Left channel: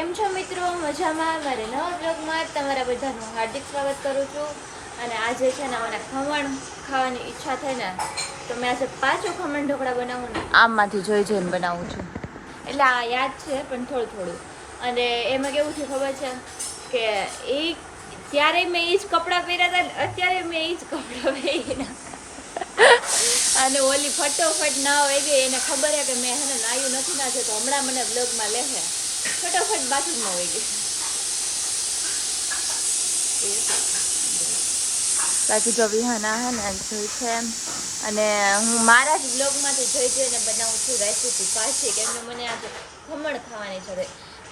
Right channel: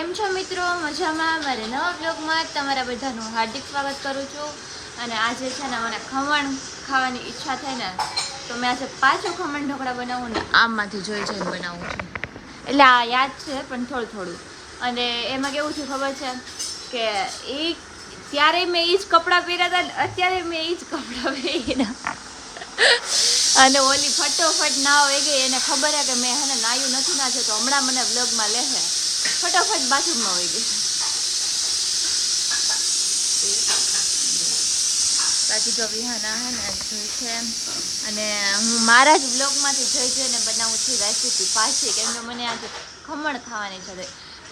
કેમ છો મિત્રો? મજામાં? મારે નવા બ્લોગમાં તમારા બધાનું હાર્દિક સ્વાગત કરું છું. અને આજે છે ને મને ખમણ ખાવાની ઈચ્છા થઈ ને તો મેં આજે 5 ખમણ ઢોકળા બનાવું ને આમમાંથી જોઈને બનાવું છું. એટલે આ યાદ છે પણ થોડું અને એમાં કેવું છે ખબર છે કે એ ત્યારે મેં એ જ કપડાં પહેર્યા હતા ને અત્યારે મેં એ જ કપડાં પહેર્યા અને ઓલી ફટોફટ ના હોય ગઈ એને ખબર હે કે મેં હે ને નાયું નથી નાખ્યું તો હમણાં મને બ્લોગમાં લેશે ફટાફટ બાથરૂમમાં હોય ગઈ. બાકી જો વિહાના હે ને જોઈ છે અને હું મારા જ બ્લોગમાંથી જોઈને બનાવું છું રેસીપી પાછી કેમ કે મને આજે ખમણ ખાવાની છે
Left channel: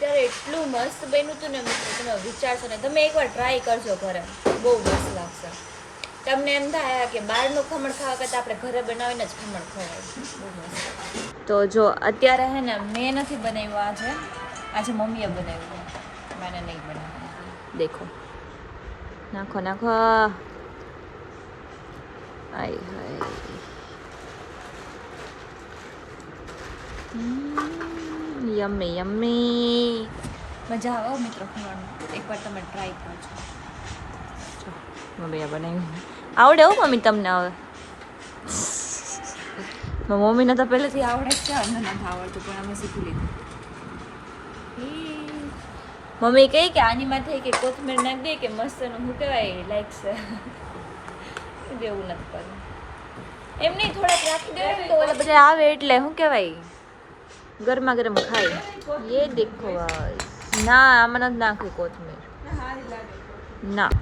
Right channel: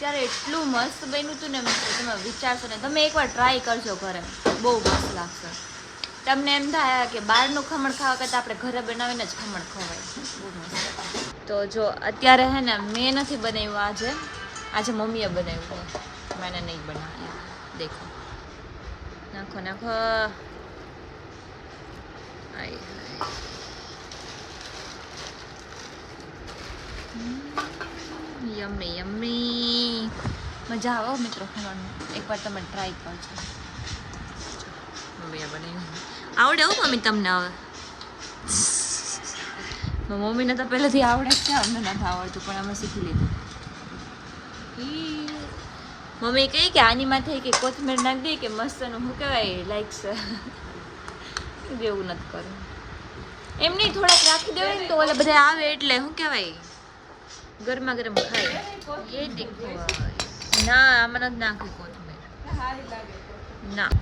ત્યારે એટલું મસ્ત બન્યું હતું ને મિત્રો તમે વિચારશો ને તમે એકવાર ટ્રાય કરજો ઘરે બહુ મસ્ત લાગશે. તમને એમ થાય કે બહારનું ખમણ ખાવા કરતાં આપણે ઘરે બનાવીને જ ખમણ ખવાય બહુ મસ્ત. તો જો અત્યારે હે ને મેં નથી બનાવ્યું આજે મમ્મીએ બનાવ્યું છે મેં નહીં બનાવ્યું. દેખો નાખો નાખો આઈ હાય યમ્મી યમ્મી મજા આવે મિત્રો ખમણમાં એકવાર તમે ટ્રાય કરજો. મમ્મીએ બનાવ્યું આવડે હો મમ્મી તમને હવે મમ્મીને તો પહેલેથી આવડે જ છે અમને નથી આવડતું પણ અમે શીખી લીધું. મમ્મી કહે કે આની માથે કે કોથમીર નાખી દે કે મસ્તનું શું કહેવાય લાઈક છે એવું નથી કરવું એમ નહીં થોડાક રાખી દેવાય ને તો ઓલે બધા આવે એટલે શું કહેવાય ગરમા ગરમ ખાય એ દેખો ના આમાં નથી નાખી કોથમીર ના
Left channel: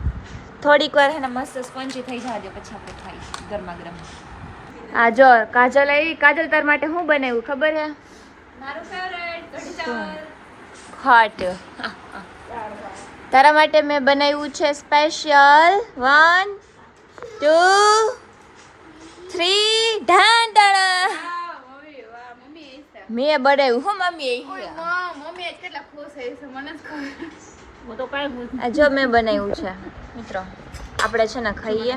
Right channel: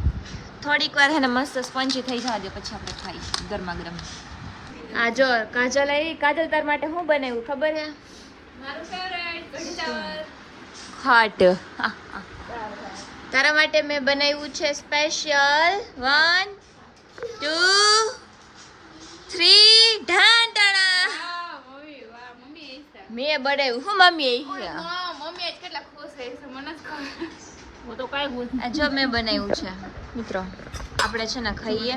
થોડીક વાર હે ને મસ્ત સ્પંજી થઈ જવા દે પછી આપણે ખાઈશું ગરમા ગરમ. આ જો કાજલ તાર માટે શું બનાવ્યું ખબર હે? મારું ફેવરેટ કઢી ચાવલ ખાટ. તારા માટે મેં બનાવ્યું છે સ્પેશિયલ 1 2 3 ઢાંઢણા. મેં બનાવ્યું હો મમ્મી કેટલા ખુશ છે મને જ ખબર હું તો કાઈ ખુશ. જો મેં બનાવ્યું છે મિત્રો આપણે છે ને ખાઈએ.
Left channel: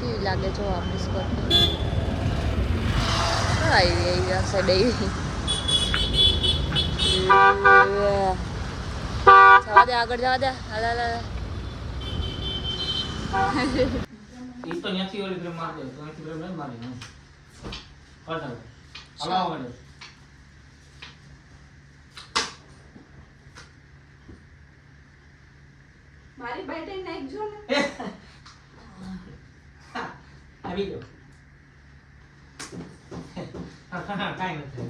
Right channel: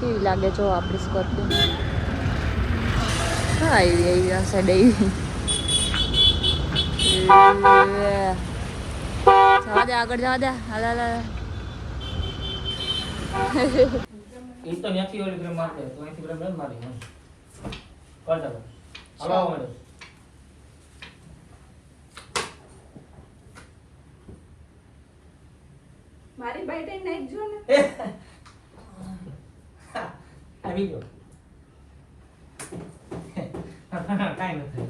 કેવી લાગે જો આપણી સ્કોર્પિયો આગળ જવા દે એ તો ત્યાંથી ઓલી ગ્રામ મારતો તો અહીંથી ગ્રામ નહીં મારી ને પડતા હલાવો મળે મારી બાઈટે નાખજો ને આવી ગયો કાઈ નથી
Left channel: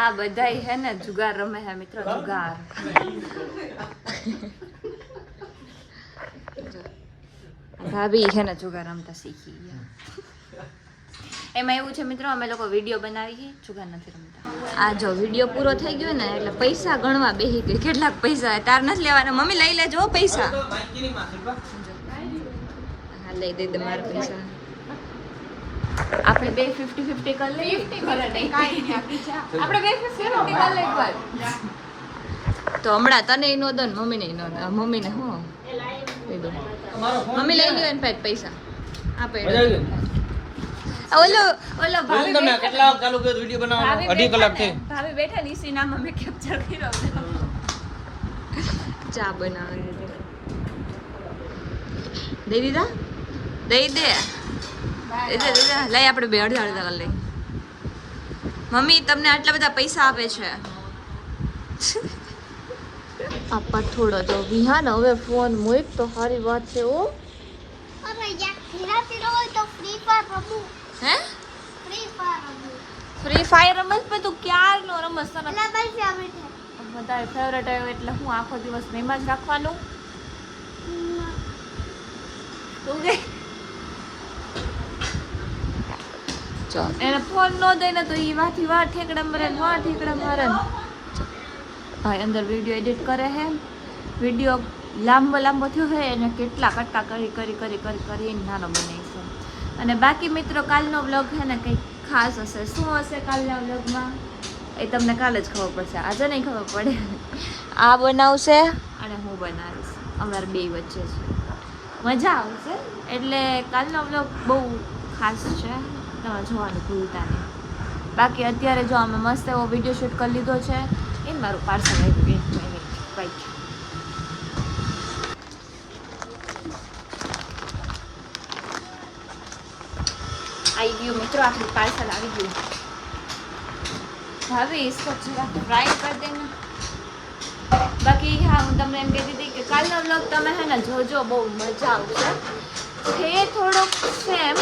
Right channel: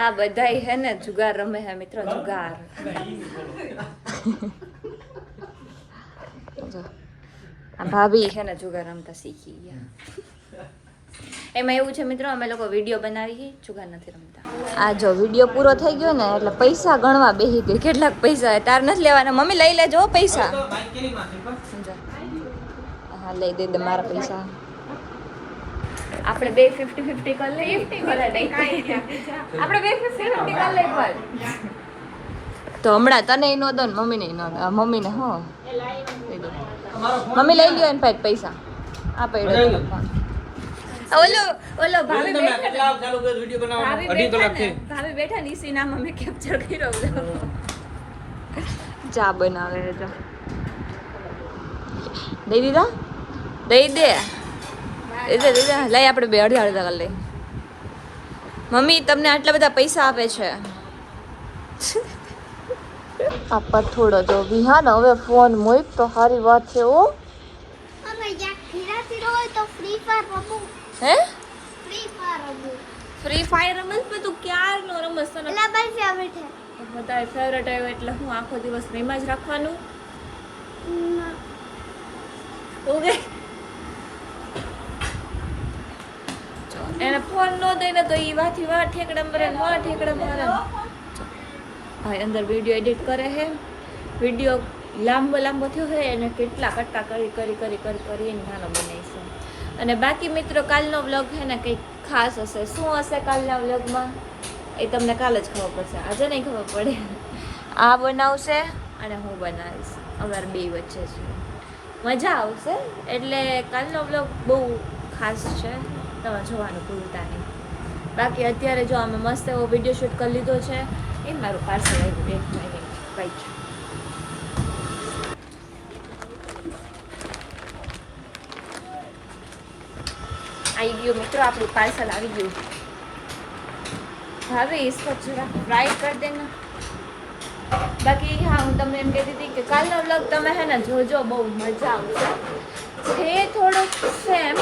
આ બધાય હે ને જુગાર રમે હે મિત્રો જુગાર. આ ભાભી છે ને જુગાર રમતા શીખી ગયા. એમાં એવું છે મિત્રો અમે લોકો વિડીયો બનાવી જુગાર નથી રમતા. આ જો વિડીયો પૂરો થઈ ગયો ને એટલે પૈસા ગણવા બેસી ગઈ કેટલાક પૈસા તાર નથી લેવાના મમ્મી લઈ લેજો પૈસા. હા લઈ દે મારા પૈસા આપણે 2 50-50 કરી લઈએ આપણે 2 50-50 કરી લઈએ પર તો હમણાં તને નો દો ને મમ્મીને નો મમ્મીને હો લઈ દો મમ્મી લઈ લ્યો એને પૈસા આ પડ્યો ઓલો ભાભી બેઠા ની સીનામાં મેં કેપ્ચર કર્યો ચા બનાવે તો દઈ દીધા દઈ દે લઈ આપણે બે અડધા કરી લઈ. મમ્મી તમને આટલા બધા પૈસા આપે છે આપા થોડો જો વિહાન હવે ફોન મોઈક તો સારી વાત છે ઓ હે ફ્રી ફાયર રમસ પર તું ક્યારનો રમસ તને બધા ફેવરેટ આવ્યો એટલે હું આખો દિવસ મેમાં જ રાખવાનું ઓકે એને ફોન ન દઈને તો એ વાથી વાર ઠેકડા મારે ભાઈ અંદર વિડીયો એડિટ કરે હે વિડીયો લાંબો થયો હે એને કેટલા કટકા કરીને નાનો બનાવીશું. અને બાકી મિત્રો કાલનો વ્લોગ હે ને કંઈક ખાસ હશે. શું હશે કાલના વ્લોગમાં એ તમને કાલે જ ખબર પડશે, આજે નહીં ખબર પડે. આ બનાવશે અને હું બનાવીશ, અમારે બે વચ્ચે છે. મજા આવશે. એટલે કાલનો વ્લોગ બહુ ખાસ છે, તમે જોવાનું ભૂલતા નહીં. બાકી અત્યારે જો અમે મસ્ત એવો વિડીયો શૂટ કરી લીધો છે. એ મારું પાર્સલ આવ્યું 1 મિનિટ રાઈટ. આવી ગયું મિત્રો, આપણું પાર્સલ આવી ગયું. હવે इसको जरा फ्राई कर देना. બાકી હા, હું તમને એમ કહેતી હતી કે કાલનો વ્લોગ તમે હે ને જોજો, બહુ મજા આવશે. છે થોડુંક સેમ,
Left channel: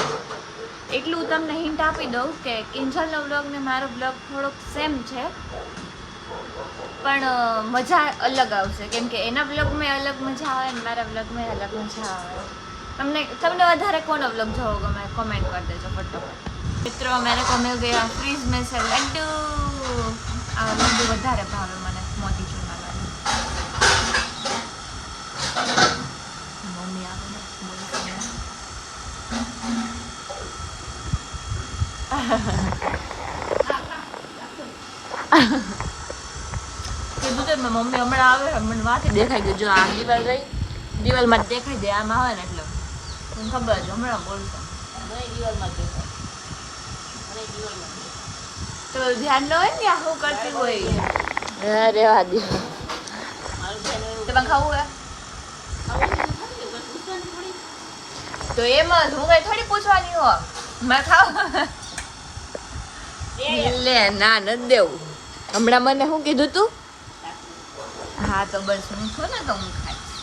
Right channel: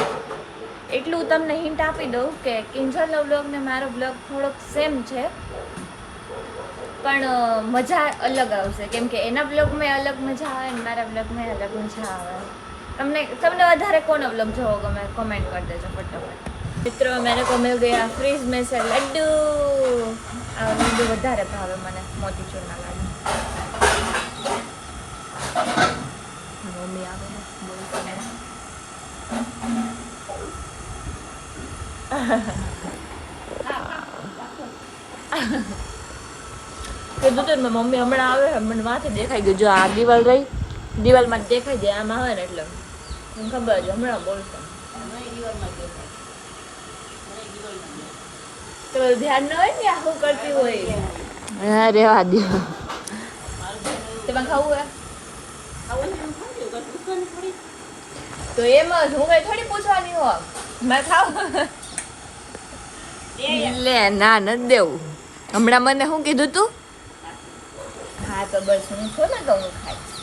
એટલું તમને હિન્ટ આપી દઉં કે કિંજલનો વ્લોગ ને મારો વ્લોગ થોડોક સેમ છે, પણ મજા અલગ આવશે. કેમ કે એના વ્લોગમાં અલગ મજા આવે ને મારા વ્લોગમાં અલગ મજા આવે. તમને વધારે કોનો વ્લોગ જોવો ગમે કમેન્ટ કરી દેજો ફટાફટ. મિત્રો મેરે को मिल गया फ्रीज में से लड्डू. આ લડ્ડુ વધારે ભાવે મને, મોતીચૂરના લાડુ. મમ્મી આવે ને બોલતી કીધું તો મેં, મમ્મી હમણાં આવે, મને માથે દેખાઈ ગયું. જો આ દિવાલ ગઈ, દિવાલમાં દેખાઈ જાય, આમાં આવે ને એટલે મને ખબર છે હમણાં બોલશે. તો ધ્યાન ન હોય ને આ શું કરતી હોય. હા રેવા દે. તમારે ખાવું હે તો એમ જ, હું કઈ થોડી પૂછવાની હો. મેં ખાવ લે ના નથી દેવું. હમણાં મને શું કીધું તું? હા તો બસ હું છું ને તો હું ખાઈશ.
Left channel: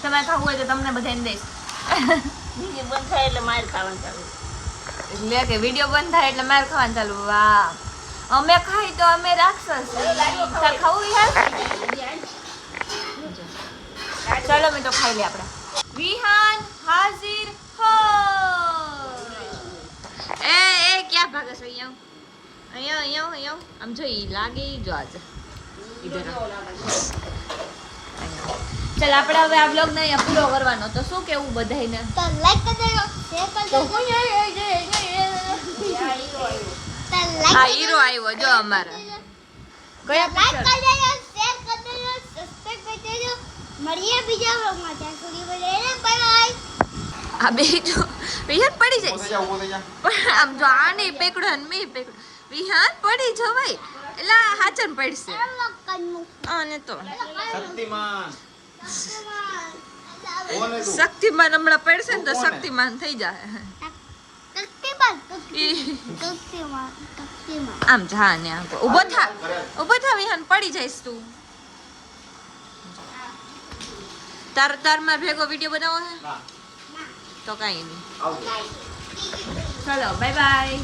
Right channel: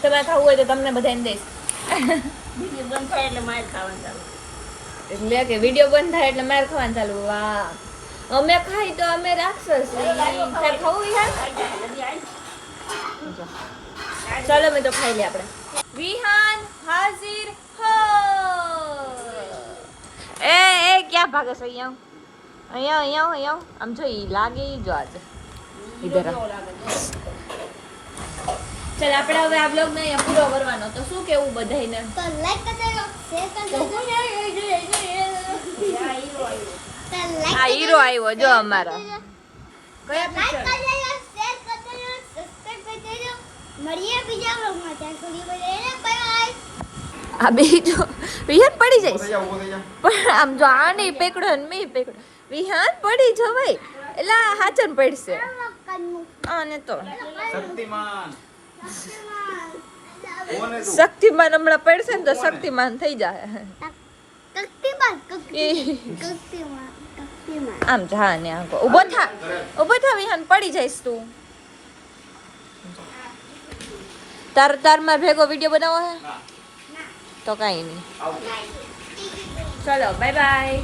તમારે ખાવું હોય તો તમને બધાને દઈશ. બંધ થાય એટલે મારે ખાવાનું ચાલુ. એટલે કે વિડીયો બંધ થાય એટલે મારે ખાવાનું ચાલુ. વાહ, અમે ખાઈ તો અમે રાક્ષસ. તાર ખાવું યાર? ચાલો મેં તો ખાઈ લે આપણે. વિહાન હાજર હો. એ ક્યાં ભાગે છો? અહીંયા આમ જો ઈ લાગે ઈ જો આજે ઈધર. ચાલ આપણે હવે આ વ્લોગ ને અહીંયા પૂરો કરવાનો. તો શું કેવું બધાયને? તો લાઈક કરજો, શેર કરજો. આ હીરો આવ્યો જો અમારા. કયા લાઈક પિક્ચર? કરજો, શેર કરજો, સબસ્ક્રાઇબ કરજો. મળીએ બીજા વ્લોગમાં. ત્યાં સુધી બધાને બાય બાય. આ બીજો વિહાન પડી જાય. આમ જો આ નહીં પેકડો ને મી પેકડો. વિહાન પડી જવાય એટલે હાચન પડશે. આને તો શક્તિમાન શક્તિમાન હમણાં પડશે ને તો શક્તિમાન થઈ જાય. આમ જા ને આમ ઊભો થા વિહાન પડી જઈશ તું. તાર માર ભેગો વિડીયો બનાવો હે તો કાંઈ નહીં. ચલો બાય બાય.